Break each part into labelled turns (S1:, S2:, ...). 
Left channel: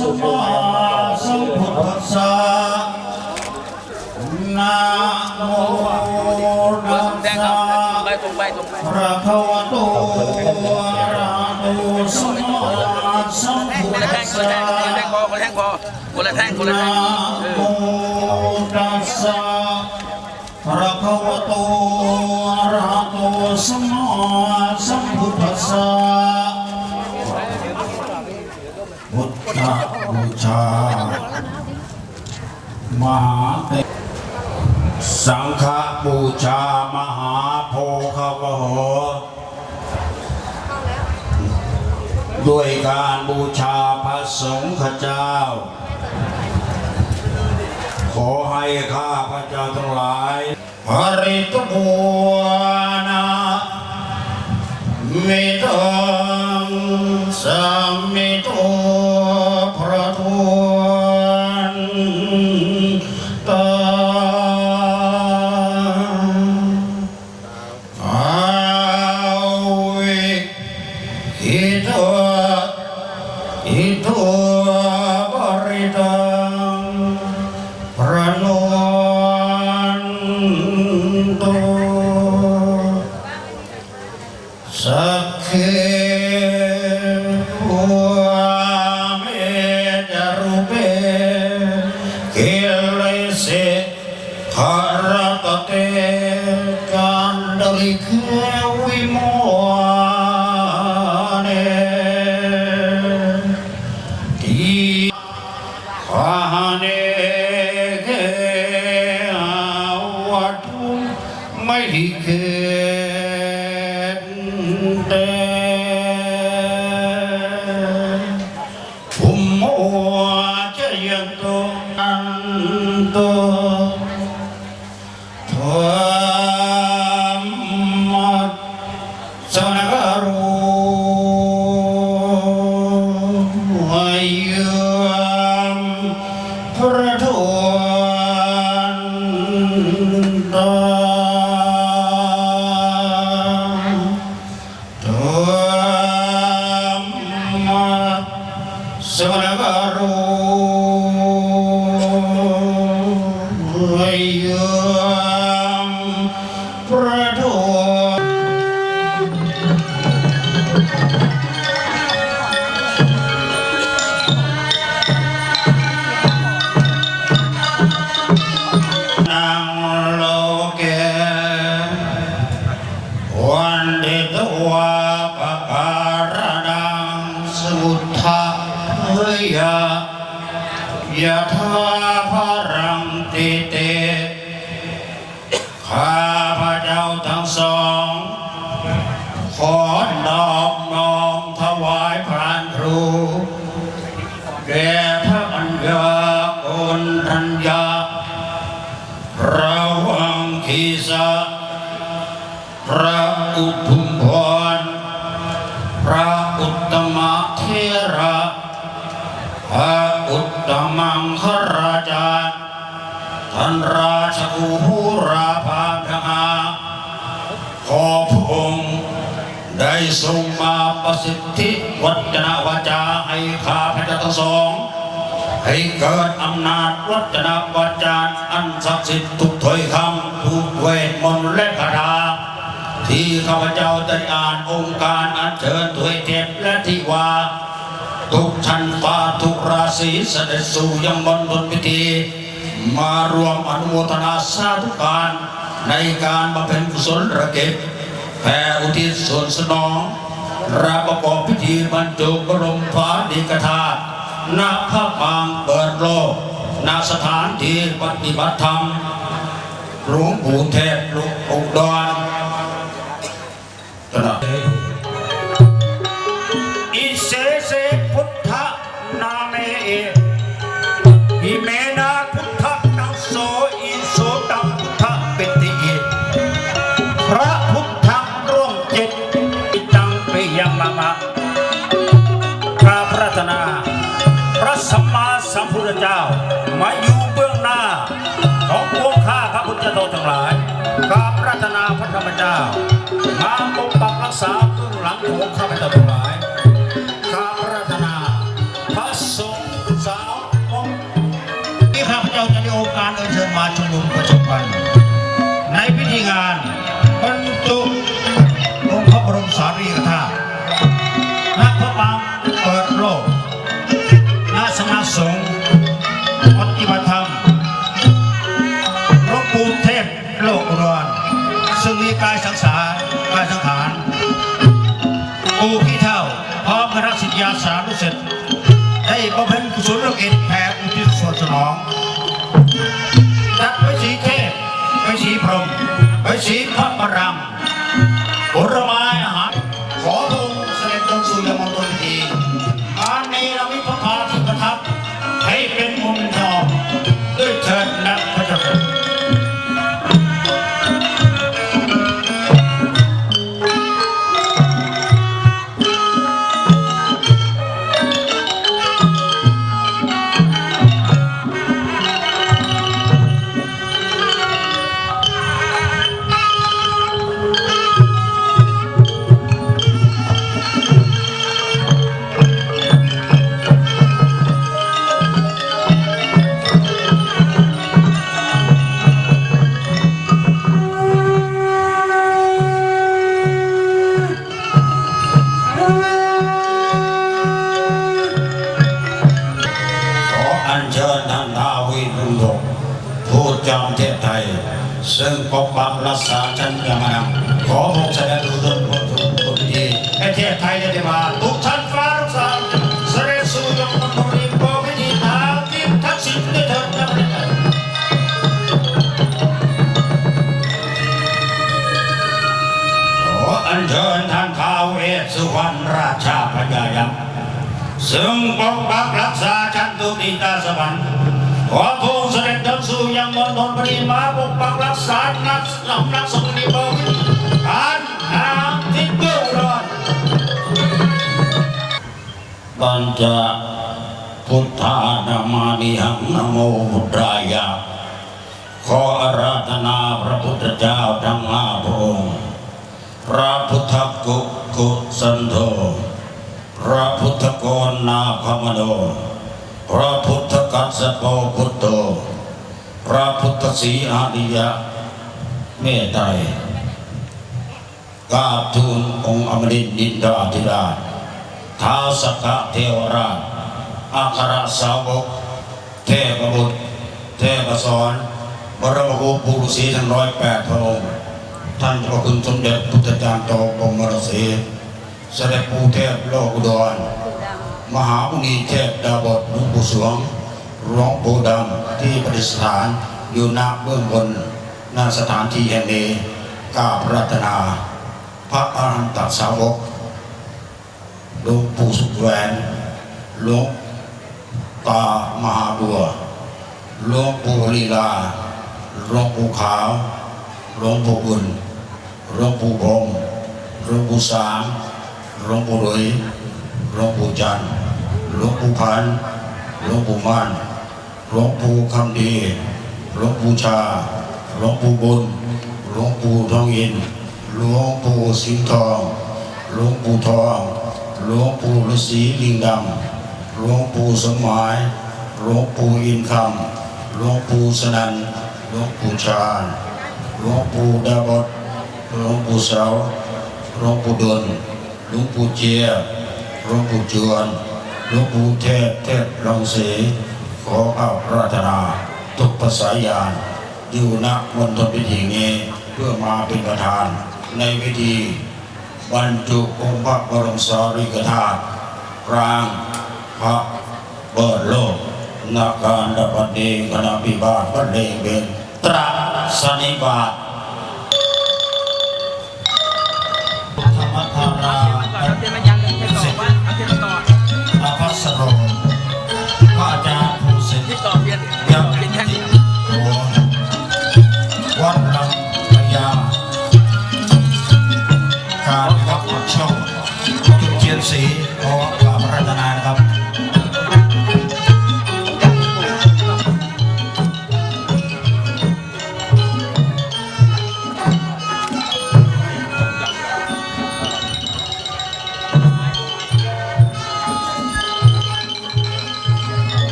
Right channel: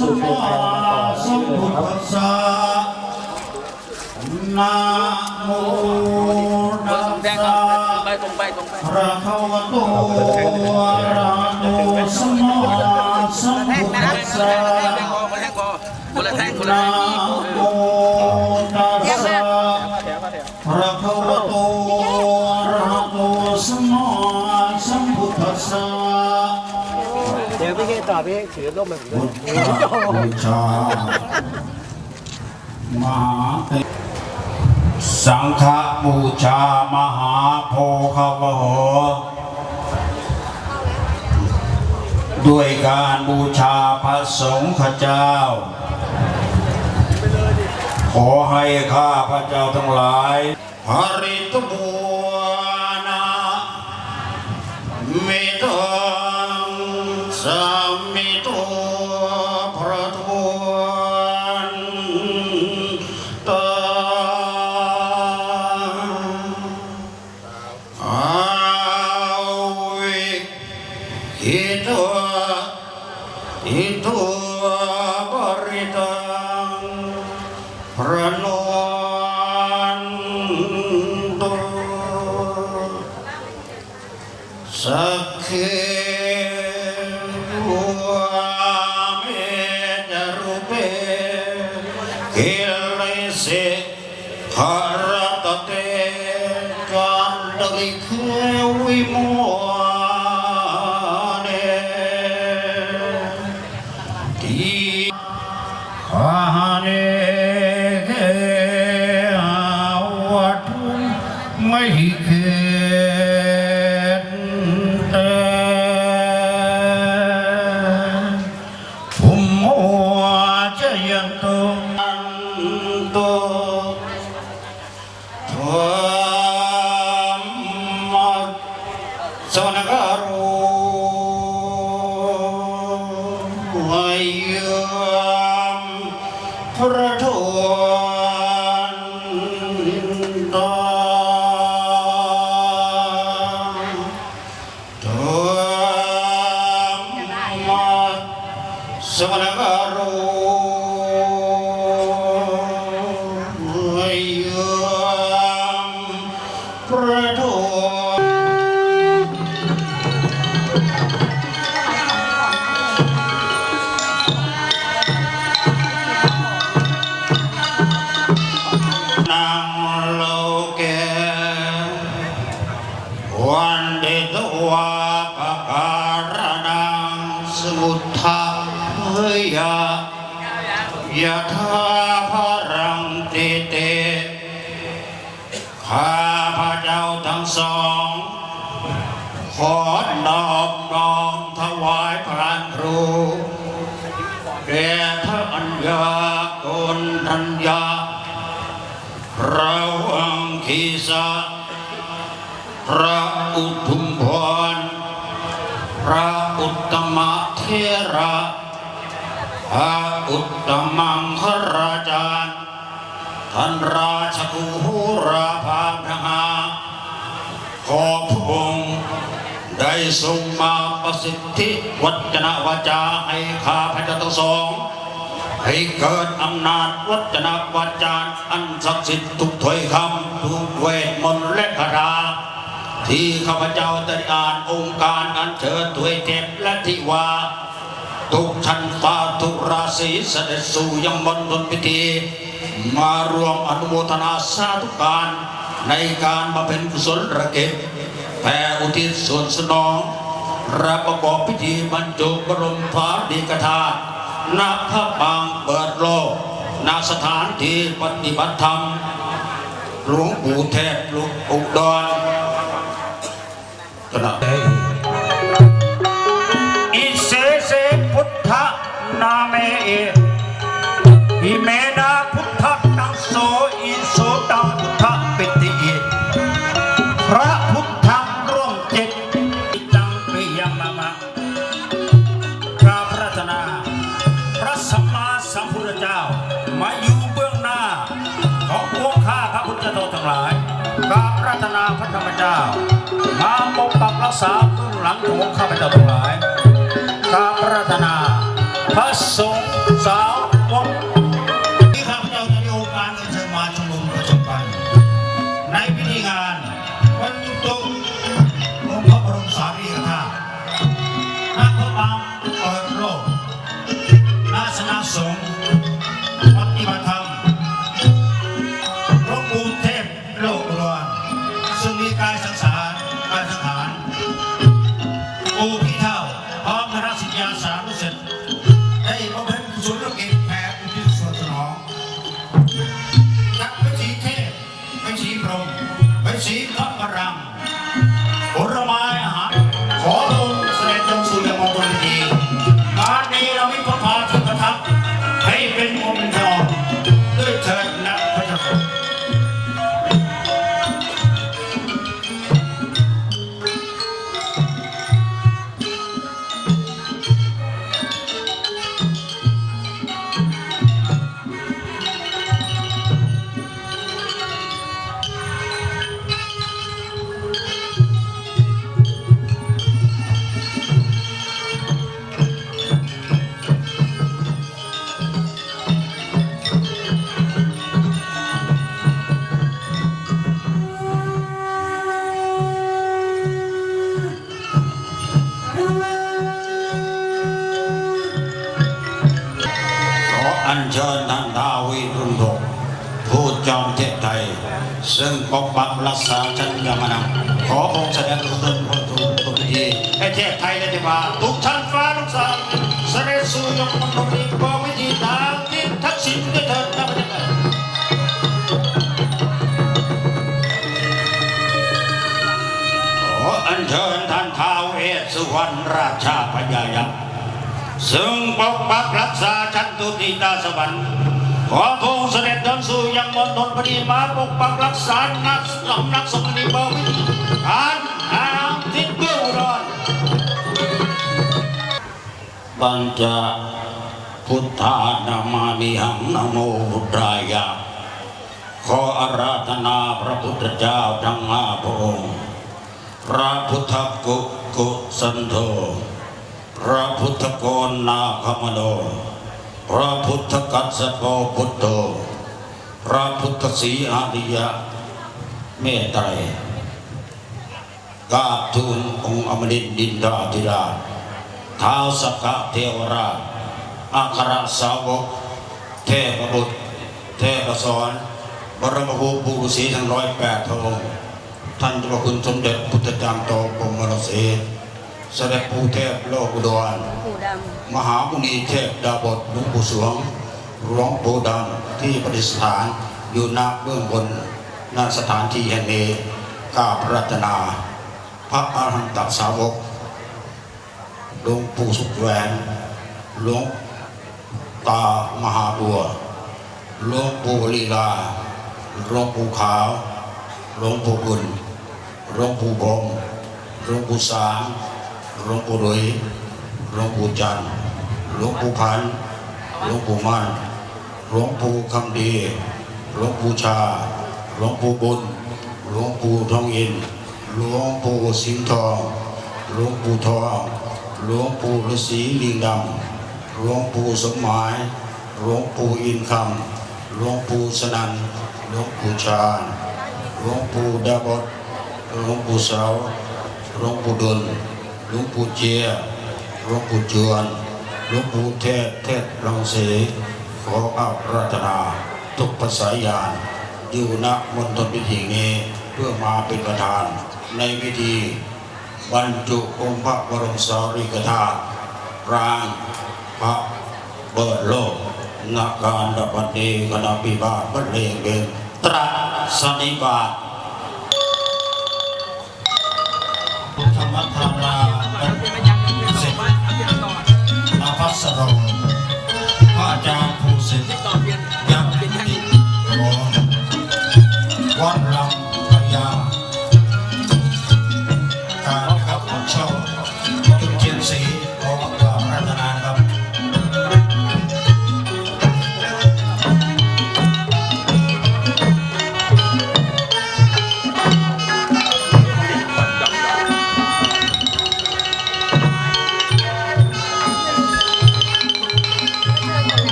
S1: สู่เมืองไทยมาต่อที่เลยนะครับ
S2: นะโม
S3: เบอร์สองแดงครับตรงไปตรงไปตรงไป
S2: พระขวโตอะระหะโตสัมมาสัมพุท
S3: คนละ
S2: ธั
S3: แท่ง
S2: ส
S3: คนละ
S2: สะ
S3: แท่งคนละแท่งพอคนละแท่งคนละแท่งคนละแท่งอีกเอ
S2: โม
S3: อ
S2: ตัสสะพระขวโตอะระหะโตสัมมาสัมพุทธัสสะ
S4: ดี๋ยวพี่เกต่อพี่ถือร่มมา
S2: พุทธบูชามหาเตสังฆบูชามหาโพคาวโหด้วยการบูชาพระสงฆ์เจ้า ขอให้ข้าพระเจ้าทั้งหลายหริตบัวนามิตัง สัมมิตั ลิแควิโม มาสวนการู มุทธะเฮยะยะธาภรังติเต ข้าพระเจ้าทั้งสอง ขอนอบน้อมถวายพระครู แด่พระอัญญาคุณทัญญาระวังคีสะพระอุทุมพรพระอุตตมะ เทระพระอุตตมังคราจารย์ท่านราชกุหูราภาพนาขอพระองค์ได้ทรงมาประสิทธิวัจนะวาจาให้ข้าพระเจ้าทั้งสอง ให้เกิดอำนาจวัจนะวาจาอันศักดิ์สิทธิ์ทุกถ้อยคำทุกเวทมนต์และคาถา ที่ข้าพเจ้าได้อ่านองค์การอัญเชิญถวยเทพและทิวา ทุกชั้นฟ้าทุกราศีเสด็จสู่ยังบนทนพิธี มารวมอนุโมทนาสาธุการในการบำเพ็ญกุศลระเกตแผ่อุทิศส่วนสนอง รับประกอบพิธีบรรจุบรมพาดีกธาตุณพระปางเปิดโลกณสถานที่ปฏิบัติธรรม หลวงปู่เทพหลวงปู่ดอน ขณะอิเส ของข้าพเจ้าทั้งหลายข้าพระรัตนาพระสงฆ์ส ปู่พี่เท่า พร้อมคณะสิทธิาสารุสิทธิ์ได้บำเพ จอมเทพไทย ซึ่งปกปักรักษาชั้นยมนังขอพงแสดงอุดมพลทุกทุกพิธีให้เทพไทยได้ที่มาทุกชั้นฟ้าทุกสางเสด็จสู่ยมมนตรีโปรพิธีทางที่ทักษิณได้เถิดนะพระเจ้าขออัญเชิญท่านท้าวเอศสุวรรณราชาพญายักษ์ซึ่งปกปักรักษาชั้นตุติตาสวรรค์ ขอพระองค์เสด็จเดินสู่ยังมณฑลพดีมาปกปักรักษานักสำนักสมณีบวิธีอ่านอ่านทิศเกื้ออุดรบัญจพุทธานามามิหังนโมพุทธายะขออาราธนาพระพุทธเจ้าทั้งห้าพระองค์ พระพุทธกุกุสันโธ พระพุทธโกนนาคมโน พระพุทธกัสสปพุทโธพระพุทธศรีอาริยะเมตไตรกาบทูลองค์อมรินดินดาธิราชท้าวสกะเทวราชอัครสาวก เทพบุตร เทพสอนบรมครูปุรุษีทั้งร้อยแปดพระองค์ท่านพระคุณสมเด็จพุทธจารย์โตบรมรสี สด็จปู่เทพโลกอุดร
S5: ปู่ด
S2: มหามุนีเทพดาบทหลวงปู่สวงหลวงปู่ดำที่ประดิษฐานอยู่ณเบื้องบนณสถานที่แห่งนี้กราบรัตนา พระอรหันตสาวกหลวงปู่สุขแหวนหลวงตามหาบัวหลวงปู่ลีลาหลวงปู่ขาวหลวงปู่บุญหลวงปู่พงษ์หลวงปู่สาง หลวงปู่ดุยหลวงปู่จันหลวงปู่พันหลวงปู่มั่นหลวงปู่คำดีหลวงปู่ชาหลวงปู่บุญหลวงปู่ทองอินหลวงปู่สิงห์ทองหลวงปู่ทองหลวงปู่ฤาษีลิงดำหลวงปู่สมหมายหลวงปู่อินคำหลวงปู่สนันหลวงปู่ชาญหลวงปู่ดาบดหลวงปู่เสาหลวงปู่ดล หลวงปู่เจียหลวงปู่จวนหลวงปู่เทศเทศลองเสขออาราธนาทุกภาษายานอยู่ณมณฑลพิธีนี้เพื่อมาเป็นประธาน ในพิธีบรรจุองค์พระบรมสารีริกธาตุรางพระเบิดโลกนาการดับบัดนี้คณะพิบาทบรรเลงเบนตรัสนิบาต
S3: อ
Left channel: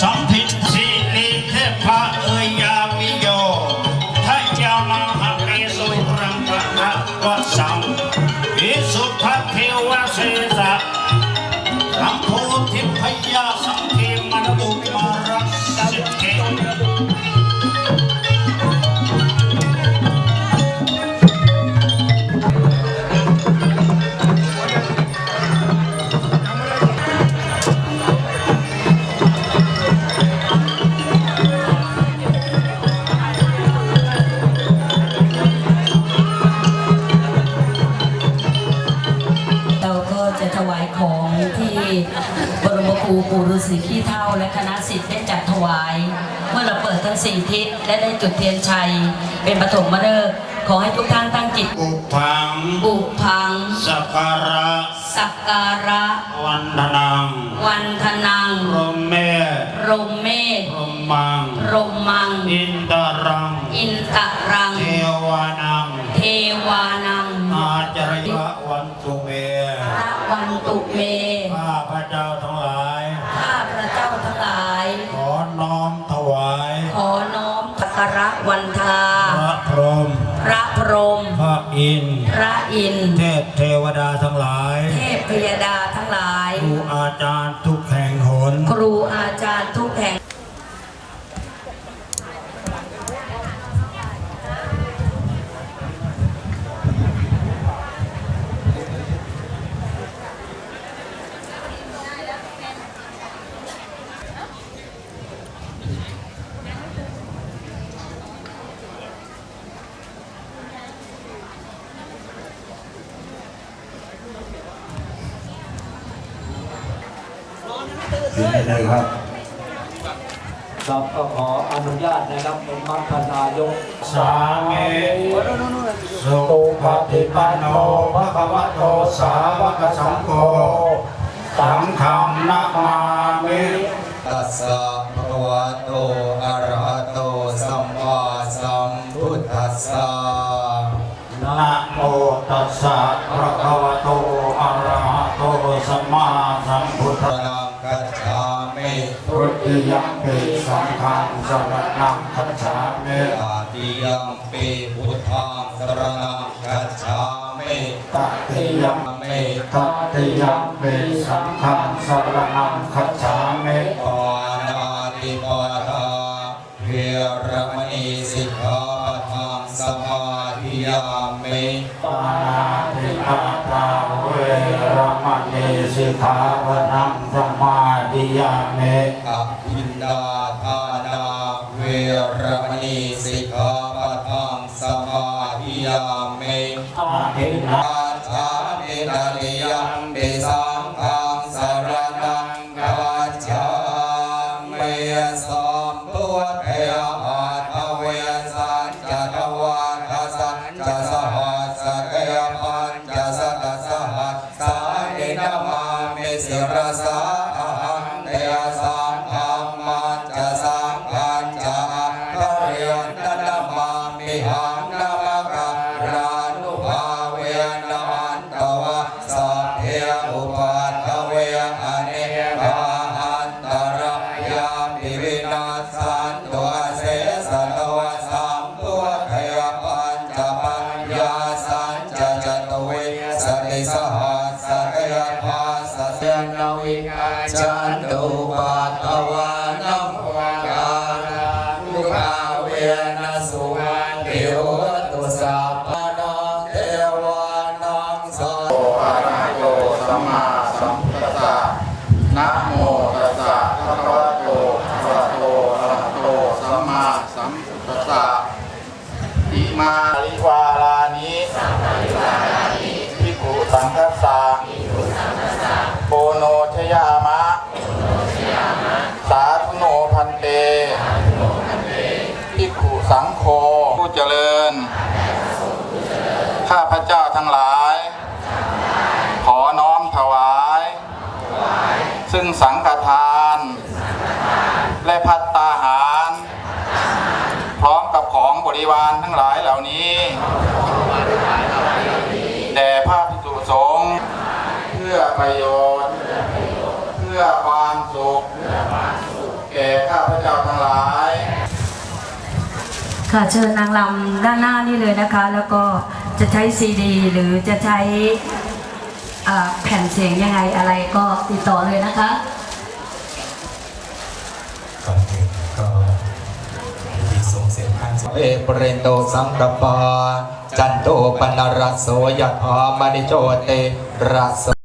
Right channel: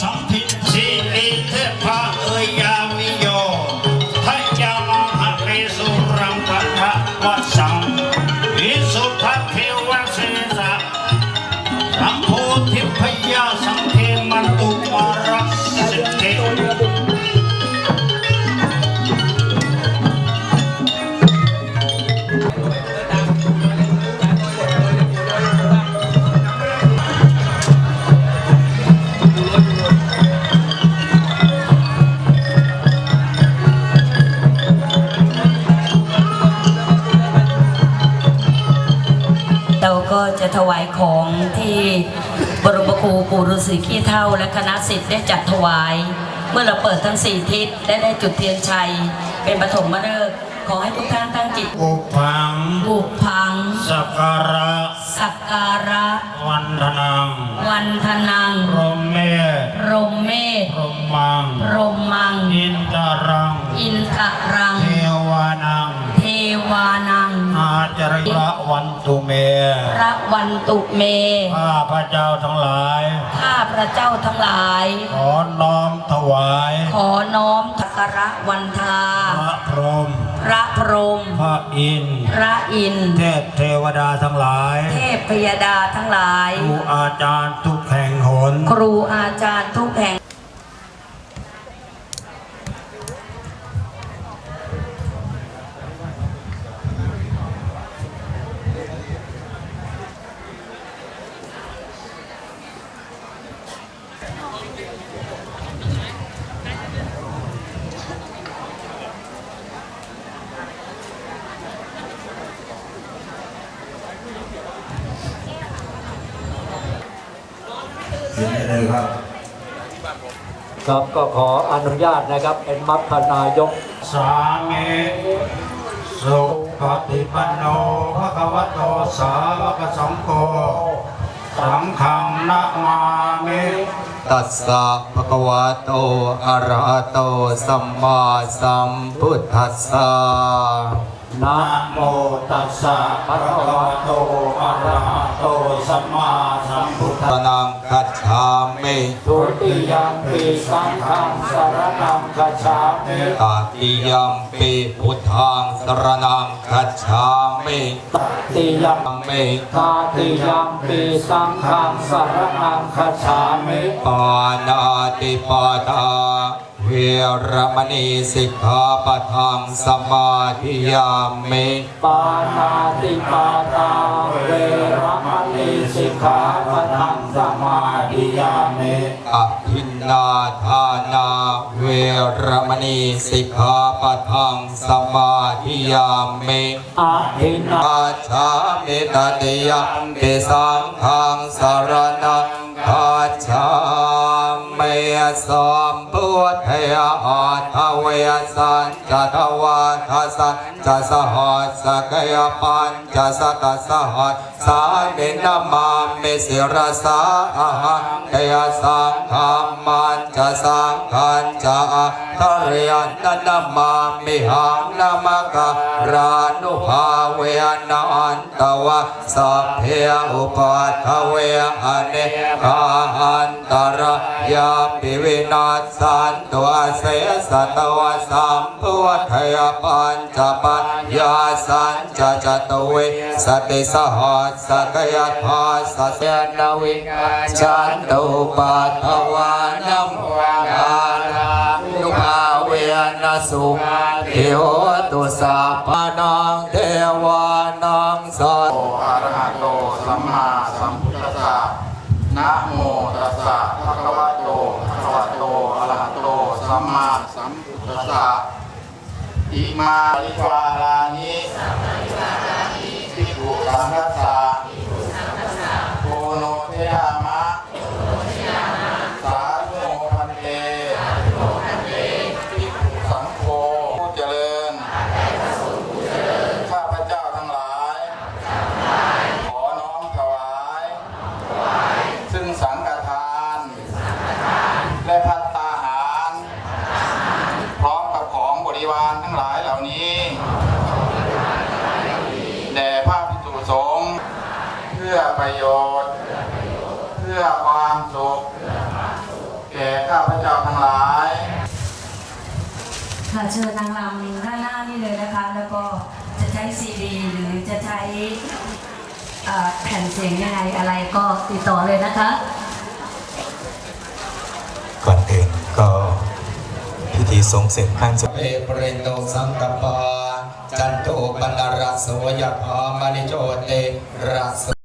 S2: สั
S5: มทิ
S2: ธนังรมเมศ
S5: รมเมธ
S2: รมมัง
S5: รมมัง
S2: อินตรัง
S5: อินตรัง
S2: เทวานัง
S5: เทวานัง
S2: อาจาริยะวันตุเม
S5: พระวันตุเม
S2: ข้าพระเจ้าทั้งหลาย
S5: ข้าพระเจ้าทั้งหลาย
S2: ขอน้อมถวาย
S5: ขอน้อมสักการะวันทา
S2: พระพรหม
S5: พระพรหม
S2: พระอินทร์
S5: พระอินทร์
S2: เทพเทวดาทั้งหลาย
S5: เทพพยดาทั้งหลาย
S2: ครูอาจารย์ทุกแห่งห น
S5: ครูอาจารย์ทุกแห่ง
S2: กินได้เลยครับ
S1: ครับก็ขออนุญาตนะครับเป็นมัคคนายก
S2: สามีสุปฏิปันโนภะคะวะโตสาวกสังโฆสังฆังนะมามิ
S6: ตัสสะภะคะวะโตอะระหะโตสัมมาสัมพุทธัสสะ
S2: นะโมตัสสะภะคะ ติยมปิสังฆังสรณังคัจฉามิ
S6: ตติยัมปิพุทธังสรณังกัจฉามิ
S2: ตติยม
S6: มิ
S2: ตติยมปิสังฆังสรณังคัจฉามิ
S6: ปานาติปาทาเวรมณีสิกขาปะทังสมาธิยามิ
S2: ปานาติปาตาเวรมณีสิกขาปะทั สิ
S6: กขาปะทังสมาธิยามิ
S2: อาทินนา
S6: อาชามิตติยัมปิสังฆังสรณังกัจฉามิสัมพุทธยาอัตถเวสันจะทวาทสันจะสหัสสกยปัญจะสกัสสหัสสานินามามิ สิรสาอาหังเตยสังฆามันจะสังขันจะอัตเรียนนามามิหังนามกะรานุภาเวนันตวะสัพเพอุปัฏฐเวอเนกาหันตรยาปิวินาสันตัวเสสตวะสัมพุทธยปั สติสหัสสกยภาสเสนวิกาจันตุปัฏฐวานั
S7: พื่อความสุขแก่ข้าพเจ้าทั้งหลาย
S5: ค่ะเชิญนางรำด้านหน้านี่เลยนะคะ แล้วก็จะใช้ซีดี หรือจะใช้อ่าแผ่นเสียงยังไงอะไรก็ติดต่อเลยนะคะ
S6: ก่อนอื่นก็พิธีทรงเสร็จขั้นสุดเอเปรนโตสังกปาจันโตปนรสโสยถามณิโชเตรส